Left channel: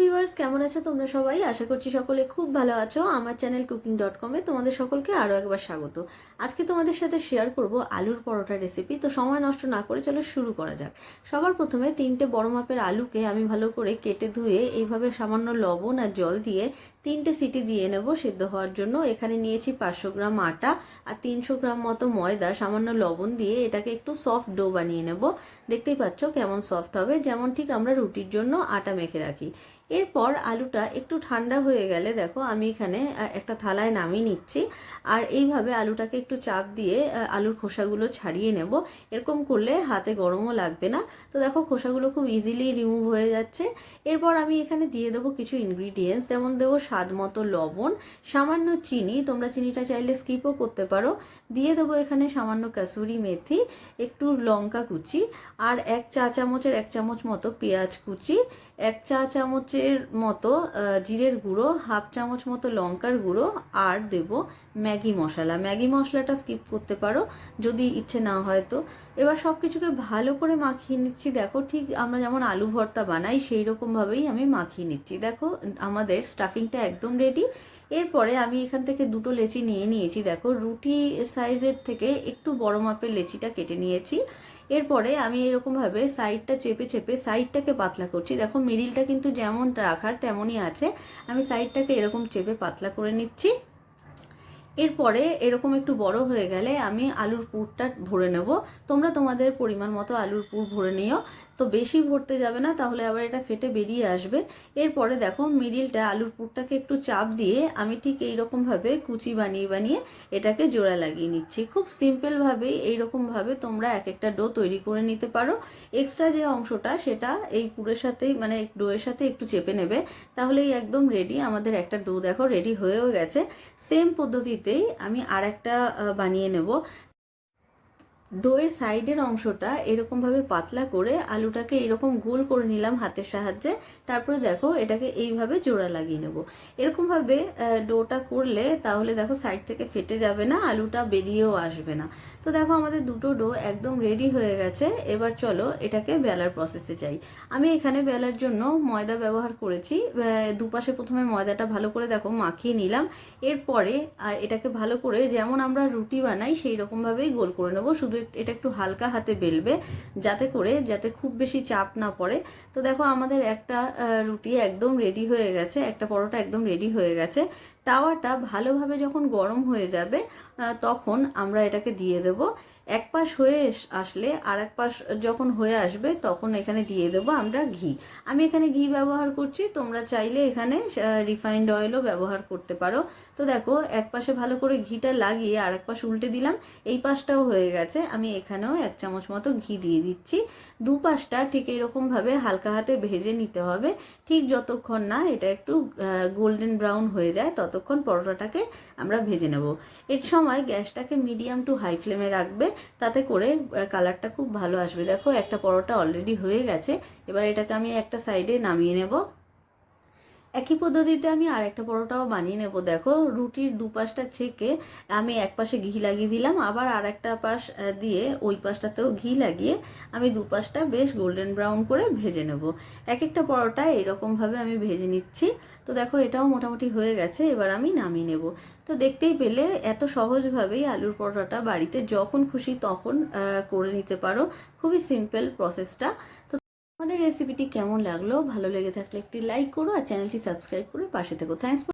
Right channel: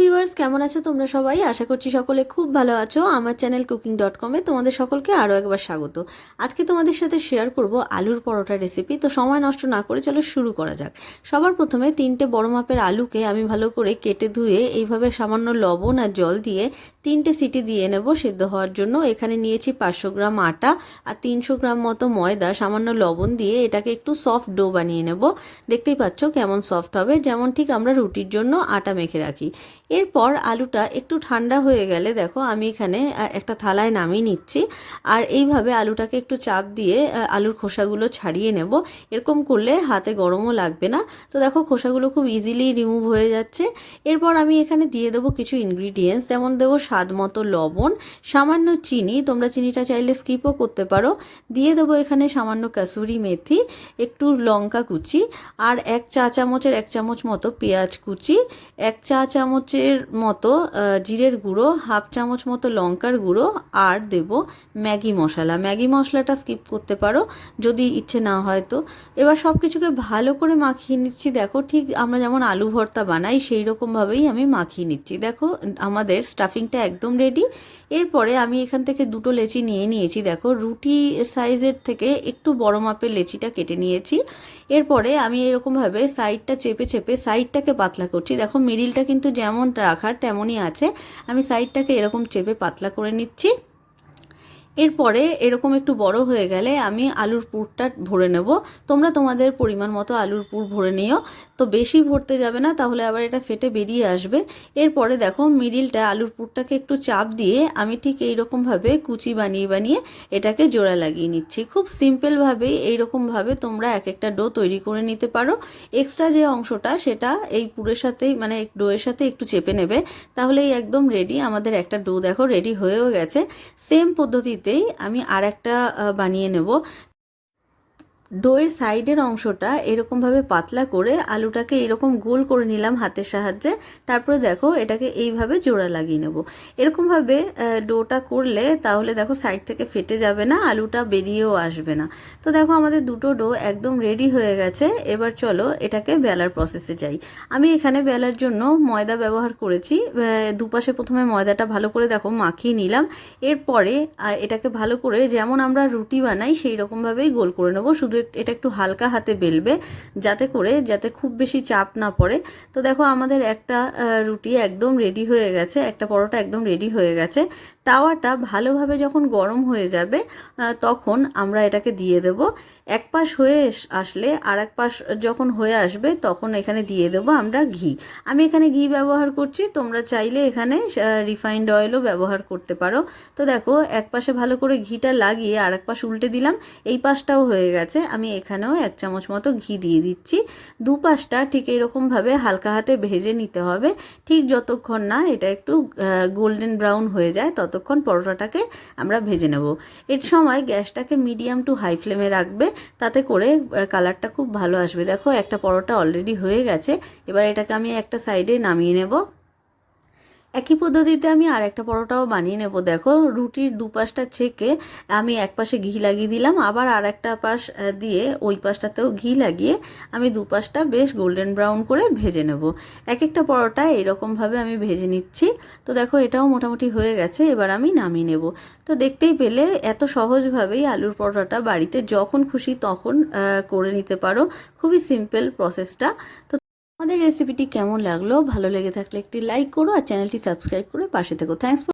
Viewers কেমন আছো তোমরা সবাই? আশা করছি সকলে খুব ভালো আছো। আমার চ্যানেল কুকিং ডট কমে তোমাদের সকলকে আরও একবার স্বাগত। আজকে তোমাদের সাথে শেয়ার করব আলুর পরোটা রেসিপি তো সময় নষ্ট না করে চলো শুরু করা যাক। সবার প্রথমে তিনটে বড় মাপের আলুকে আমি ভালো করে কেটে ধুয়ে এইভাবে সামান্য লবণ আর জল দিয়ে তিনটে সিটি দিয়ে নেব সিদ্ধ হওয়ার জন্য। এখানে নিয়েছি পাঁচশো গ্রাম আটা আর তিনশো গ্রাম মতো ময়দা। সামান্য লবণ দিয়ে এটাকে একটু সফট ডো বানিয়ে নেব। দেখতেই পাচ্ছ কেমন সফট হবে। যেমন ঠিক আমরা রুটির জন্য আটা মেখে রাখি। এরপর আলুটা একটু ঠান্ডা হয়ে গেলে দেখো আমি এখানে একটা থালায় নামিয়ে নিচ্ছি। আর এইভাবে আলুটাকে একটু চাপ দিয়ে আলুর খোসাগুলো ছাড়িয়ে নেব। এরকম করলে হাতে গরমও লাগবে না। তো দেখো খোসাগুলো খুব ইজিলি রিমুভ হয়ে যাচ্ছে। এরপর আমি এখানে দিয়ে দেবো কিছু ইনগ্রিডিয়েন্টস যেমন দেবো স্বাদ মতো লবণ, সামান্য চিনি, তোমরা চিনিটা চাইলে স্কিপও করতে পারো। দিয়ে দেবো এখানে সামান্য কাসুরি মেথি, একটু লঙ্কা কুচি, আর এক চা চামচের এক চামচ মতো পেঁয়াজ কুচি, এক চা চামচের মতো জিরের গুঁড়ো, হাফ চামচ মতো লঙ্কার গুঁড়ো, আর দেব ম্যাগি মশলা। ম্যাগি মশলাটা স্কিপ করতে পারো যদি ইচ্ছে না হয় তো। এবার সব কিছুকে ভালো করে মাখিয়ে নিচ্ছি। দেখো ঠিক আমরা যেমন আলু ভর্তা বানাই, সেই রকমভাবেই আমি মাখিয়ে নিচ্ছি। দেখো আমাদের স্টাফিংটা একদম রেডি এরপরে আমি এখান থেকে দুটো লেচি নিয়ে নিয়েছি। দেখো রুটি সাইজের থেকে একটু বড় মাপের লেচিটা কেটে নিয়েছি। এরপরে আমি এরকমভাবে সাইডটা চেপে চেপে সাইডটাকে পাতলা করছি। দেখো মিডিলটা কিন্তু যেমন রাখার তেমনই আছে। আমি সাইডটাকে এরকম চেপে পাতলা করে নিচ্ছি। এরপরে এরকম একটু বড় হয়ে গেলে আমি আলুর পুরটা ভরে নেব। তোমরা তোমাদের পরিমাণ মতো আলুর পুর ভরে নিও। তো বেশি ভরতে যাবে না, তাহলে আবার এটা ফেটে বেরিয়ে আসবে। এরপরে দেখো মিডিলটা আলুর পুরটাকে একটু চাপ দিয়ে আমি ঠিক এইরকমভাবে কুচি বানিয়ে বানিয়ে এটাকে জোড়া লাগিয়ে নিচ্ছি। খুব সিম্পলভাবেই এইরকমভাবে তোমরা এক একটা ডো তৈরি করে নিতে পারো। এক্সট্রা যে অংশটা সেটা এই পুরের সাথেই মানে ডোয়ের সাথে একটু চেপে নেবে। তাহলেই একদম রেডি, আমাদের একটা ডো দেখো রেডি হয়েও গেছে। সেম পদ্ধতিতে মধ্যেই আমি আর একটা বানিয়ে নেব। ডোয়ের সাইডের অংশটা এরকমভাবে পাতলা করে আলুটাকে এরকম গোল করে নিলাম হাতের সাহায্যে। তারপরে দেখো এটাকে এইভাবে জোড়া লাগিয়ে নেব। এরকমভাবে ডোটা করলে তাহলে দেখো সাইড থেকে ফেটে যাবে না, আলুটা বেরিয়েও আসবে না। তো দেখো আমাদের দুটো ডো একদম রেডি হয়ে গেছে। এবার চলো এটাকে বেলার প্রসেসে যাই। আমি এখানে বেলার জন্য ময়দা ব্যবহার করেছি। দুপাশে প্রথমে ময়দাটা ভালো করে দেখো মাখিয়ে নিলাম। এরপরে এটাকে ভালো করে যেমন আমরা রুটি বানাই সেই রকমভাবেই গোল করে নেব। শুধু এটা একটু হালকা হাতে বেলবে, যাতে করে, যাতে খুব বেশি চাপ না পড়ে। তো দেখো, আমাদের একটা রুটি একদম রেডি হয়ে গেছে, একটা পরোটা একদম রেডি হয়ে গেছে। তাওয়াটা ভালোভাবে যখন গরম হয়ে যাবে তখন আমরা এটাকে দিয়ে দেব। এক পাশ হয়ে আসলে আর এক পাশ যখন হয়ে আসবে তখন এখানে দিয়ে দেবো আমরা ঘি। আমি এখানে ঘি ব্যবহার করছি, তোমরা চাইলে এখানে রিফাইন্ড অয়েলও ব্যবহার করতে পারো। তো দেখো, এক পাশে ভালো করে ঘিটা লাগিয়ে আর এক পাশ উল্টে দিলাম, এই পাশটাও হয়ে গেছে। আমি এখানেও এক চামচ মতো ঘি দিয়ে দিচ্ছি। দু পাশটা ঠিক এরকমভাবে হালকা হাতে ভেজে নিতে হবে। ঠিক যতক্ষণ না এটা একটু গোল্ডেন ব্রাউন হয়ে যায়, ততক্ষণ পরোটাটাকে আমরা ভেজে নেব। এর সময় গ্যাসটাকে মিডিয়াম টু হাই ফ্লেমে রাখবে। তাতে করে কালারটা খুব ভালো আসবে। দেখো, একটা পরোটা অলরেডি হয়ে গেছে। এবার এটাকে আমি একটা সাইডে নামিয়ে নেব। একই পদ্ধতিতে আমি আর একটা পরোটাও বানিয়ে নেব। দেখো, রুটির দুপাশটা ছেঁকে আমি এক পাশে ঘি লাগিয়ে দিলাম, আবার আর একটা পাশ দিয়ে ওই পাশটাতেও ঘি লাগিয়ে আমি দুপাশটা বেশ গোল্ডেন ব্রাউন করে ভেজে নেব। এক একটা পরোটা এরকমভাবে আমি ভেজে নিচ্ছি। তো দেখো, এটাও মোটামুটি হয়ে গেছে, এবার আমি নামিয়ে নেব। তো দেখতেই পেলে এত সহজভাবেই আলুর পরোটাটা বাড়িতে যখন খুশি তখন করে নিতে পারো। খুবই সিম্পল প্রসেসটা। তো আমাদের রেসিপিটি কেমন লাগল? ভালো লেগে থাকলে একটি লাইক করো আর চ্যানেলটি সাবস্ক্রাইব করে পাশে থেকো। থ্যাংকস